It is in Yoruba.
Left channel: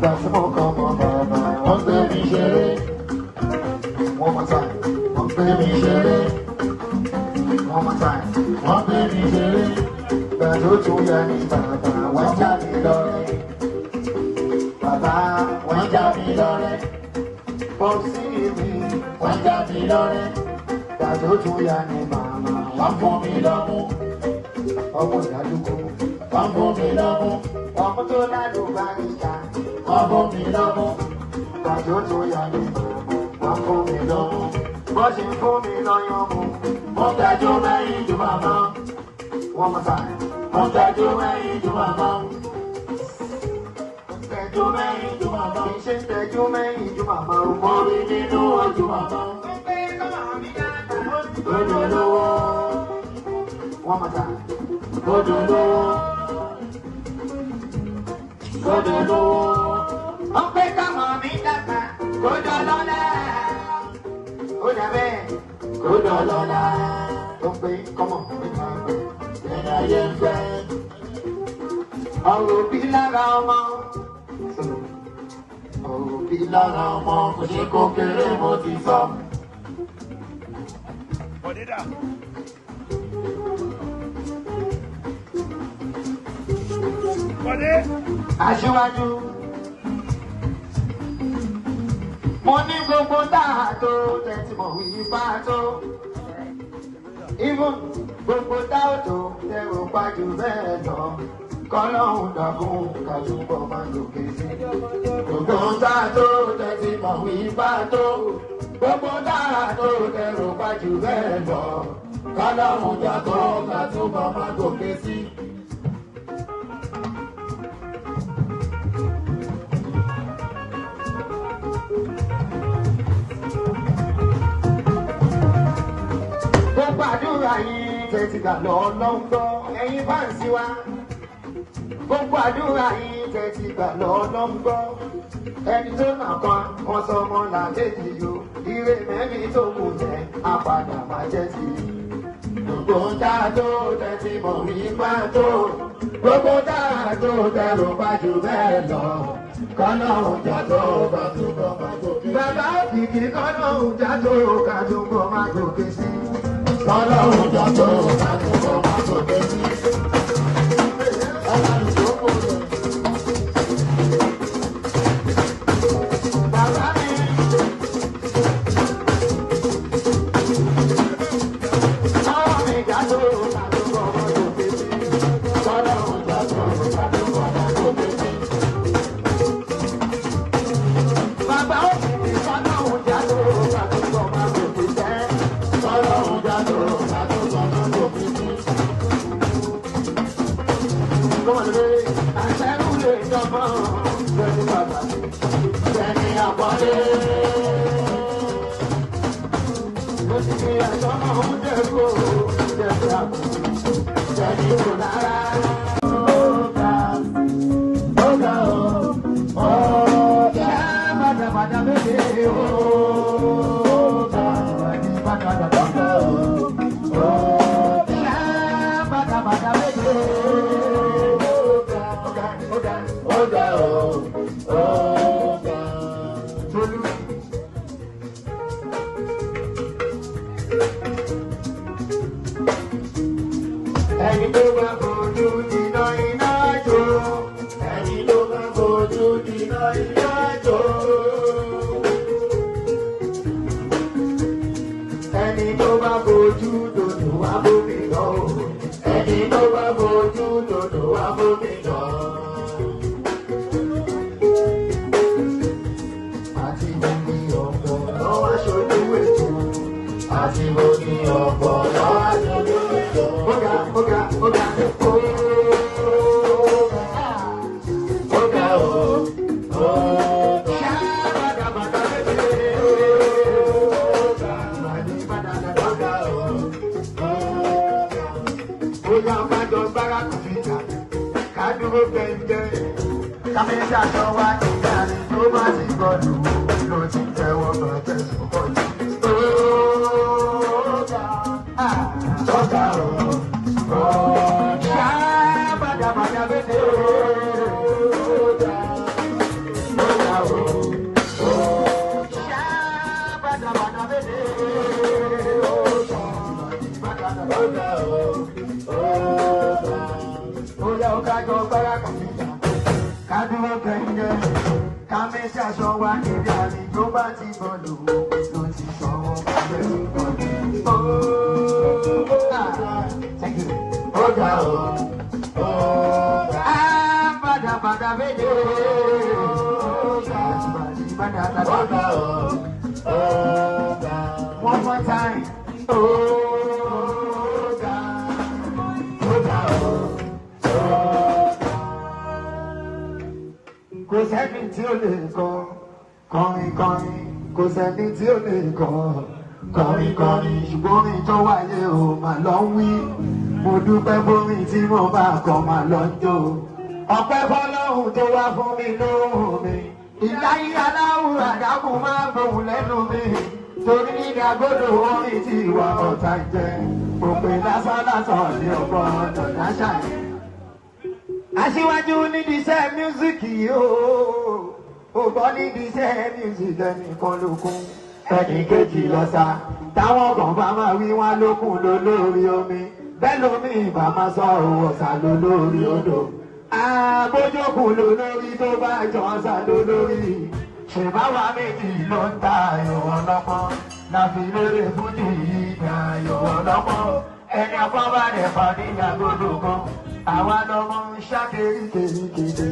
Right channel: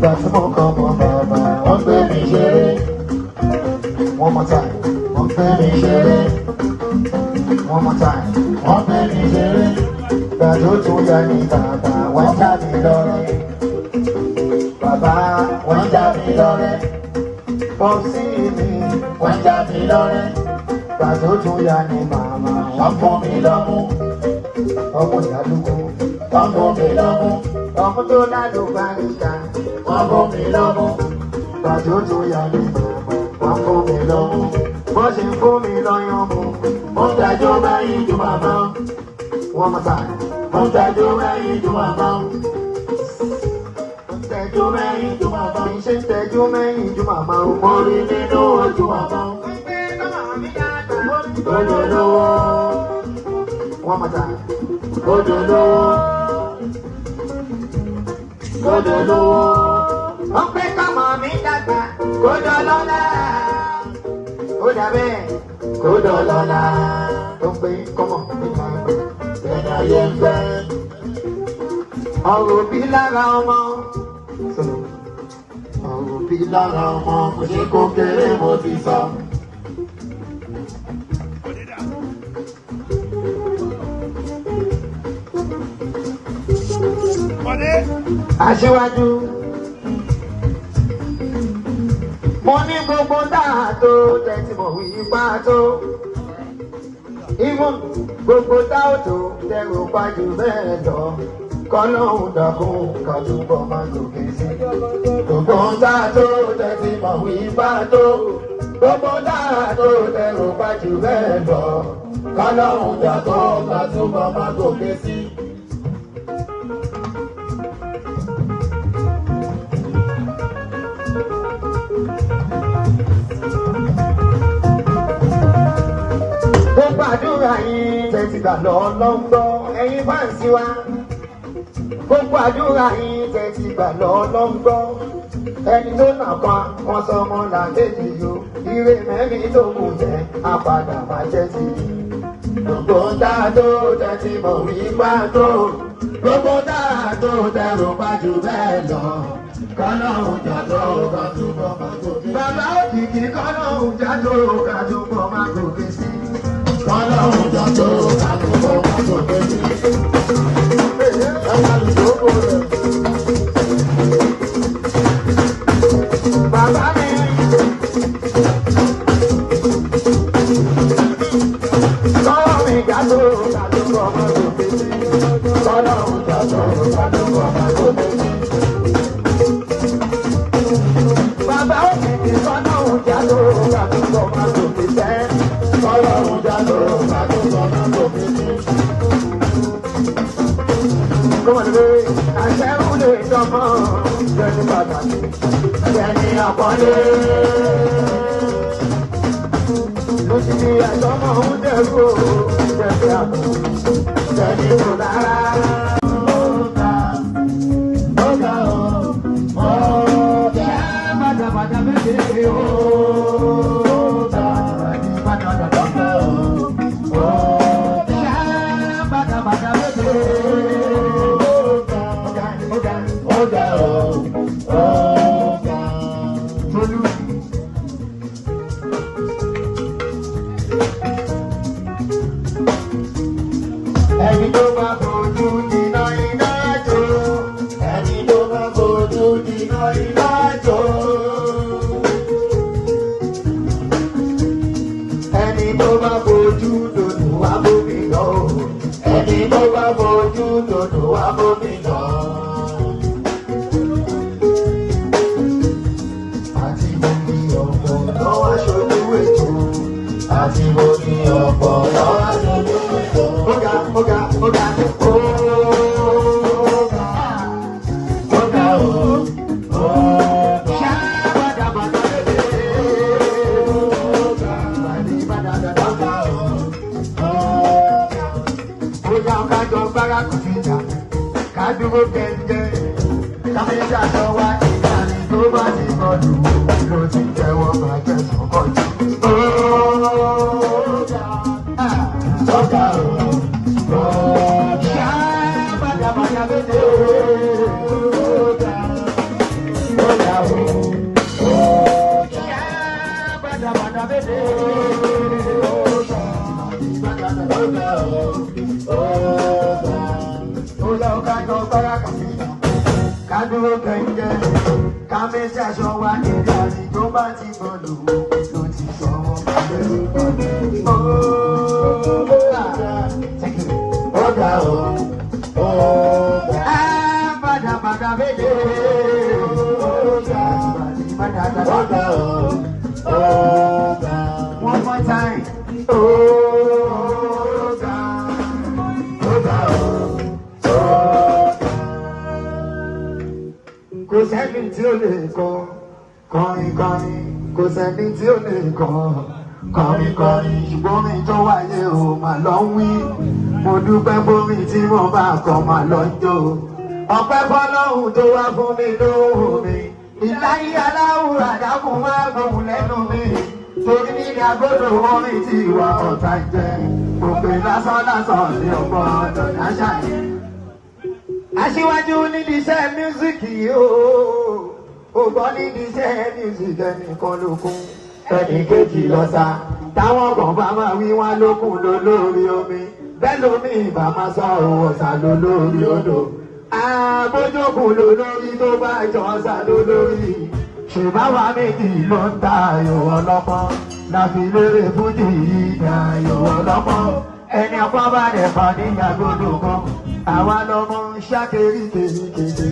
Gbàtí mo kàn mọ́ bàbá, wọ́n gbé mi ṣeré. One more time, wọ́n gbé mi ṣeré. One more time, wọ́n gbé mi ṣeré. Gbàtí ó tún yá ní bàbá, wọ́n já mi lọ́rẹ́. Bàbá, wọ́n já mi lọ́rẹ́. Pọ́sí mi, wọ́n já mi lọ́rẹ́. Gbàtí ó tún yá ní màmá, wọ́n fún mi lọ́mú. Ọmọ ìdádúgbò, wọ́n fún mi lọ́mú. Ọmọ tó lálùbáríkà, wọ́n fún mi lọ́mú. Gbàtí ó tún yá ní màmá, wọ́n fún mi lọ́mú. Wọ́n ṣe fún mi lọ́yàn mú. Wọ́n dájọ́ báyìí ju màmá. Wọ́n mọ̀ sáà. Wọ́n dájọ́ báyìí ju màmá. Wọ́n dájọ́ báyìí ju màmá. Ṣé ń tẹ́jú mẹ́yìn ju màmá? Mo rí nínú ojú màmá. Òdòdó. Wọ́n mọ̀ sáà. Òdòdó. Òdòdó. Wọ́n pé kọ́mọ mi dàgbà kó dọ́lọ́lá. Ó dàbẹ́ kó dọ́lọ́lá. Ó pé kọ́mọ mi dàgbà ẹ̀dá ayé ń fẹ́. Ọ̀rọ̀ bí lára ọmọ. Ọ̀rọ̀ bí lára ọmọ kò ṣe kó kéré mo ti sọ. Aṣíwájú. Mo ní gbogbo táà tó tẹ̀sí mọ̀ wí bá tó. Ìwọ̀n gbogbo táà tó tẹ̀rù pàjù bẹ́ẹ̀ lọ. Kọ́lọ́hún dàkún kàdúgbò máa gòkè sí. Gbogbo táà tó tẹ̀sí mọ̀ wí bá tó. Gbogbo táà tó tẹ̀rù pàjù bẹ́ẹ̀ lọ. Kọ́lọ́hún dàkún kàdúgbò máa gòkè sí. Àdúrà yìí tẹ̀sí gbà lọ́lọ́gbọ́ ẹ̀yin fáǹsì wa. Gbogbo àdúrà yìí tẹ̀sí gbà lọ́lọ́gbọ́. Ẹni tó nà pa wọn sọ ọmọ làkejì yo. Ire mẹ́rin tó kù jẹ́ apàdà máa jẹ́ sí i. Gbogbo dáa tó tẹ̀sí mọ̀ wí pàtó. Gbogbo dáa tó tẹ̀rù pàjù bẹ́ẹ̀ lọ. Kọ́lọ́hún jàdó kàdúgbò máa gòkè. Bàbá òkìkí kọ́lọ́hún jàdó kàdúgbò máa gòkè sí. Kọ́lọ́hún jàdó kàdúgbò máa gòkè sí. Ẹ̀ka lùdókò rẹ̀. Bàbá mi. Lọ́wọ́ mi jàdó kàdúgbò máa gòkè sí. Kọ́lọ́hún jàdó kàdúgbò máa gòkè sí. dúró kẹ́ńdẹ́ ká méjì aṣọ wa nílé àní tó bá ti gbọ́dọ̀ ó ti sọ ó ga o padà méje ó ga o one more time ó ga kò sẹ́ni tí ó lè kọ kọrin kò sẹ́ni tí ó lè kọ kọrin ṣùgbọ́n mi tó wáyé o mà lọ ń wí mo dúpẹ́ fómi tí mo bá kọ mà lọ ń jó ọpẹ́ fọ́lọ́hun tó wá fún mi lóhùn mi ìláyé aláwùrà dákun má gbóhùn lẹ́nu mi torí ní ìdàgbòdò orin tí ìwà ọ̀tá jẹ́ òpè lásán ní ọ̀pọ̀ ọ̀dọ̀ láṣà yìí. Aṣíwájú nídìí iṣẹ́ mísíkì ó gbọ́ nídìí iṣẹ́ mísíkì ẹnìkan lókun ẹnì kejì lọ́sà táwọn kan bá máa wí wá lókun lólórí omi bẹ́ẹ̀ lómi ìbá máa sọ ọ̀sà lólórí odò àbójókùn lólórí tó bá jọ ọ̀sà lólórí ṣùgbọ́n wa méjì ló ń ta ayò ọlọ́pọ́n láfi lérè fújì yìí ní ayò ọlọ́pọ́n ẹni ọpọ́n bá dẹ̀ pa níyàgbọ́dọ̀ kan àwa lọmọ ń ṣá kéríkéríkété